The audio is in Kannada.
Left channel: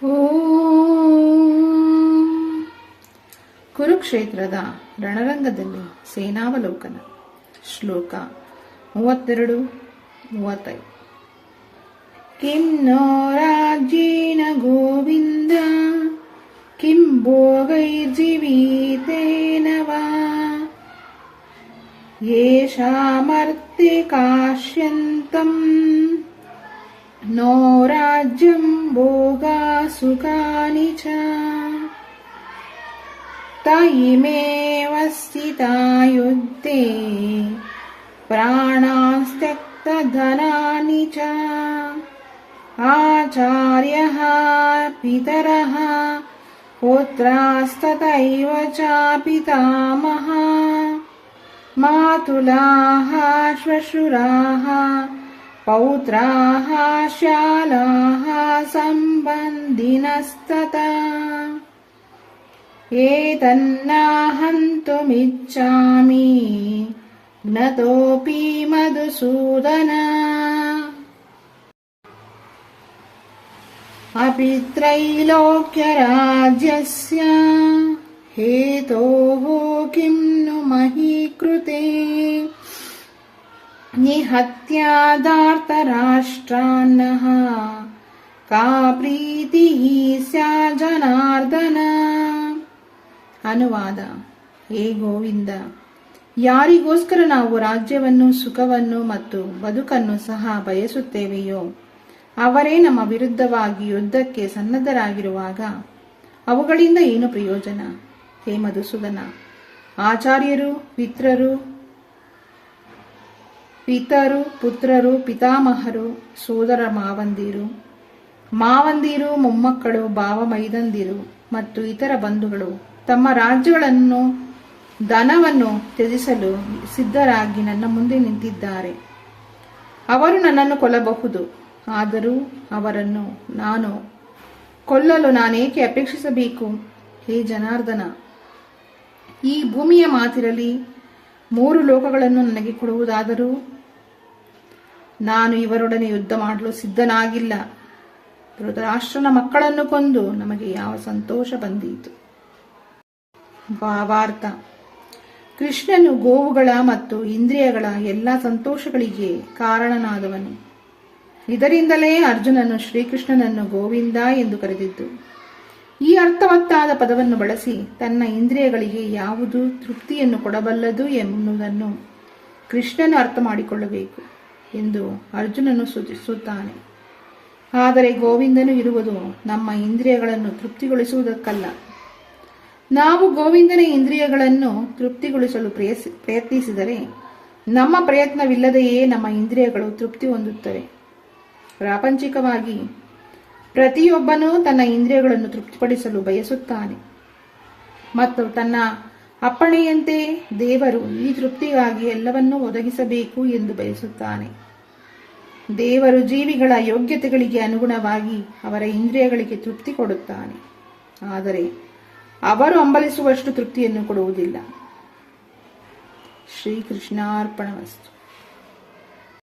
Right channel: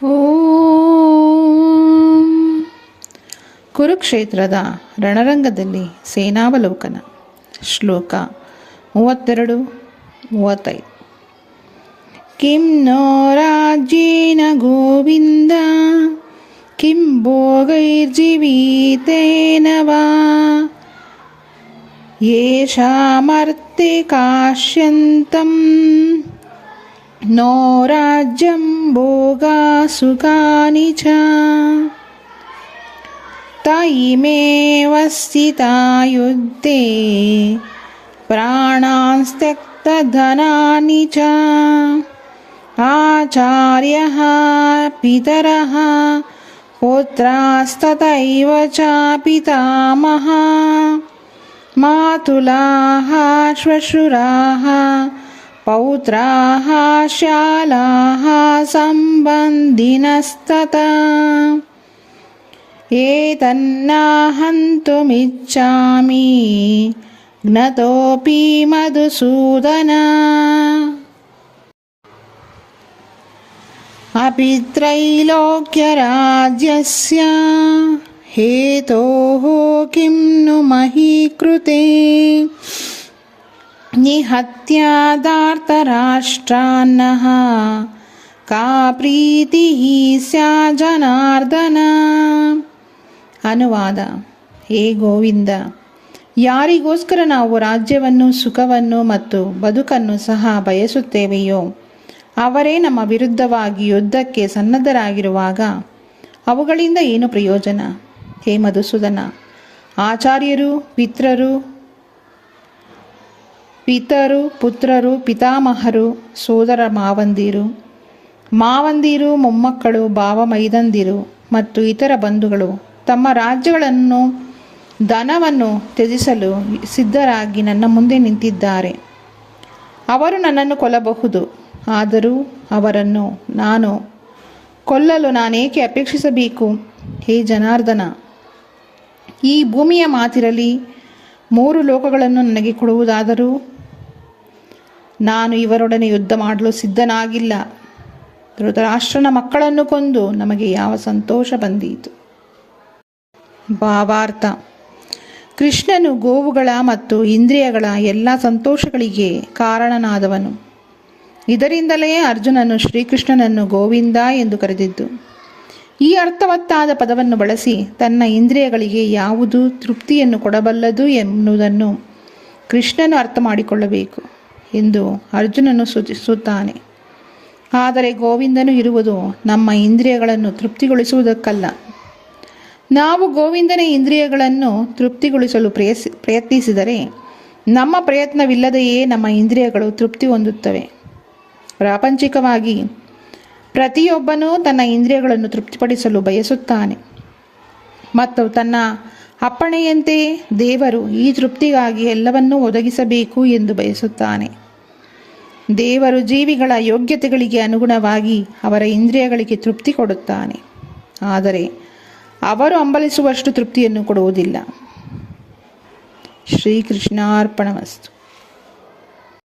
ಓಂ. ಕುರುಕ್ಷೇತ್ರದ ರಣರಂಗದಲ್ಲಿ ಸೇನಾವಲೋಕನ. ಶ್ಲೋಕ 32-35. ಕಿಂ ನೋ ರಾಜ್ಯೇನ ಗೋವಿಂದ ಕಿಂ ಭೋಗೈರ್ಜೀವಿತೇನ ವಾ ಯೇಷಾಮರ್ತೆ ಕಾಶ್ಯಂತಂ ನೋ ರಾಜ್ಯಂ ಭೋಗಾ ಸುಖಾನಿ ಚ ತಯಿಮೇವ ಸ್ಥಿತಾ ಯುದ್ಧೇ ಪ್ರಾಣಾನ್ಸ್ತ್ಯಕ್ತಧನಾನಿ ಚ ಆಚಾರ್ಯಃ ಪಿತರಃ ಪುತ್ರಾಸ್ತಥೈವ ಚ ಪಿತಾಮಹ ಮಾತುಲಾಃ ಶ್ವಶುರಾಃ ಪೌತ್ರಾಃ ಶಾಲಾಃ ಸಂಬಂಧಿನಸ್ತಥಾ ಏತನ್ನಾಹಂತುಮಿಚ್ಛಾಮಿ ಜ್ಞತೋಪಿ ಮಧುಸೂದನ. ಅಪಿ ತ್ರೈಲೋಕ್ಯರಾಜ್ಯಸ್ಯ ಹೇತೋಃ ಕಿಂ ನು ಮಹೀ ಕೃತೆ ನಿಹತ್ಯಾದಾರ್ತರಾಷ್ಟ್ರಾನ್ನಃ ಕಾ ಪ್ರೀತಿಃ ಸ್ಯಾತ್ ಜನಾರ್ದನ. ಅನುವಾದ. ಹೇ ಗೋವಿಂದ, ಯಾರಿಗೋಸ್ಕರ ನಾವು ರಾಜ್ಯವನ್ನು, ಸುಖವನ್ನು ಮತ್ತು ಬದುಕನ್ನು ಸಹ ಬಯಸುತ್ತೇವೆಯೋ ಅವರೇ ನಮ್ಮ ವಿರುದ್ಧವಾಗಿ ಯುದ್ಧಕ್ಕೆ ಸನ್ನದ್ಧರಾಗಿರುವಾಗ ಅವುಗಳಿಂದ ಏನು ಪ್ರಯೋಜನ? ಹೇ ಮಧುಸೂದನ, ಆಚಾರ್ಯರು, ಪಿತರು, ಪುತ್ರರು, ಪಿತಾಮಹರು, ಸೋದರ ಮಾವಂದಿರು, ಮೊಮ್ಮಕ್ಕಳು, ಭಾವ ಮೈದಂದಿರು ಮತ್ತು ಇತರ ಬಂಧುಗಳು ತಮ್ಮ ರಾಜ್ಯಗಳನ್ನು, ಧನವನ್ನು ತ್ಯಜಿಸಲು ಸಿದ್ಧರಾಗಿ ನನ್ನ ಮುಂದೆ ನಿಂತಿದ್ದಾರೆ. ಅವರು ನನ್ನನ್ನು ಕೊಲ್ಲಬಹುದು, ಆದರೂ ಅವರನ್ನು ನಾನು ಕೊಲ್ಲಲು ನಾನೇಕೆ ಅಪೇಕ್ಷಿಸಬೇಕು? ಹೇ ಜನಾರ್ದನ, ಈ ಭೂಮಿಯ ಮಾತಿರಲಿ 3 ಲೋಕಗಳನ್ನು ನನಗೆ ಕೊಡುವುದಾದರೂ ನಾನು ಇವರೊಡನೆ ಯುದ್ಧ ಮಾಡಲು ಸಿದ್ಧನಾಗಿಲ್ಲ. ಧೃತರಾಷ್ಟ್ರನ ಮಕ್ಕಳನ್ನು ಕೊಂದು ನಮಗೆ ಯಾವ ಸಂತೋಷ ಬಂದೀತು? ಭಾವಾರ್ಥ. ಕೃಷ್ಣನು ಗೋವುಗಳ ಮತ್ತು ಇಂದ್ರಿಯಗಳ ಎಲ್ಲ ಸಂತೋಷಗಳಿಗೆ ಕಾರಣನಾದವನು. ಇದರಿಂದಲೇ ಅರ್ಜುನನು ಶ್ರೀಕೃಷ್ಣನನ್ನು ಗೋವಿಂದ ಎಂದು ಕರೆದಿದ್ದು. ಈ ಅರ್ಥವತ್ತಾದ ಪದವನ್ನು ಬಳಸಿ ತನ್ನ ಇಂದ್ರಿಯಗಳಿಗೆ ಯಾವುದು ತೃಪ್ತಿಯನ್ನು ಕೊಡಬಲ್ಲದು ಎನ್ನುವುದನ್ನು ಕೃಷ್ಣನು ಅರ್ಥ ಮಾಡಿಕೊಳ್ಳಬೇಕು ಎಂದು ಅರ್ಜುನನು ಸೂಚಿಸುತ್ತಾನೆ. ಆದರೆ ಗೋವಿಂದನು ಇರುವುದು ನಮ್ಮ ಇಂದ್ರಿಯಗಳನ್ನು ತೃಪ್ತಿಗೊಳಿಸುವುದಕ್ಕಲ್ಲ. ನಾವು ಗೋವಿಂದನ ಇಂದ್ರಿಯಗಳನ್ನು ತೃಪ್ತಿಗೊಳಿಸಲು ಪ್ರಯತ್ನಿಸಿದರೆ ನಮ್ಮ ಪ್ರಯತ್ನವಿಲ್ಲದೆಯೇ ನಮ್ಮ ಇಂದ್ರಿಯಗಳು ತೃಪ್ತಿ ಹೊಂದುತ್ತವೆ. ಪ್ರಾಪಂಚಿಕವಾಗಿ ಪ್ರತಿಯೊಬ್ಬನೂ ತನ್ನ ಇಂದ್ರಿಯಗಳನ್ನು ತೃಪ್ತಿಪಡಿಸಲು ಬಯಸುತ್ತಾನೆ ಮತ್ತು ತನ್ನ ಅಪ್ಪಣೆಯಂತೆ ದೇವರು ಈ ತೃಪ್ತಿಗಾಗಿ ಎಲ್ಲವನ್ನೂ ಒದಗಿಸಬೇಕು ಎಂದು ಬಯಸುತ್ತಾನೆ. ದೇವರು ಜೀವಿಗಳ ಯೋಗ್ಯತೆಗಳಿಗೆ ಅನುಗುಣವಾಗಿ ಅವರ ಇಂದ್ರಿಯಗಳಿಗೆ ತೃಪ್ತಿ ಕೊಡುತ್ತಾನೆ, ಆದರೆ ಅವರು ಹಂಬಲಿಸುವಷ್ಟು ತೃಪ್ತಿಯನ್ನು ಕೊಡುವುದಿಲ್ಲ. ಶ್ರೀಕೃಷ್ಣಾರ್ಪಣಮಸ್ತು.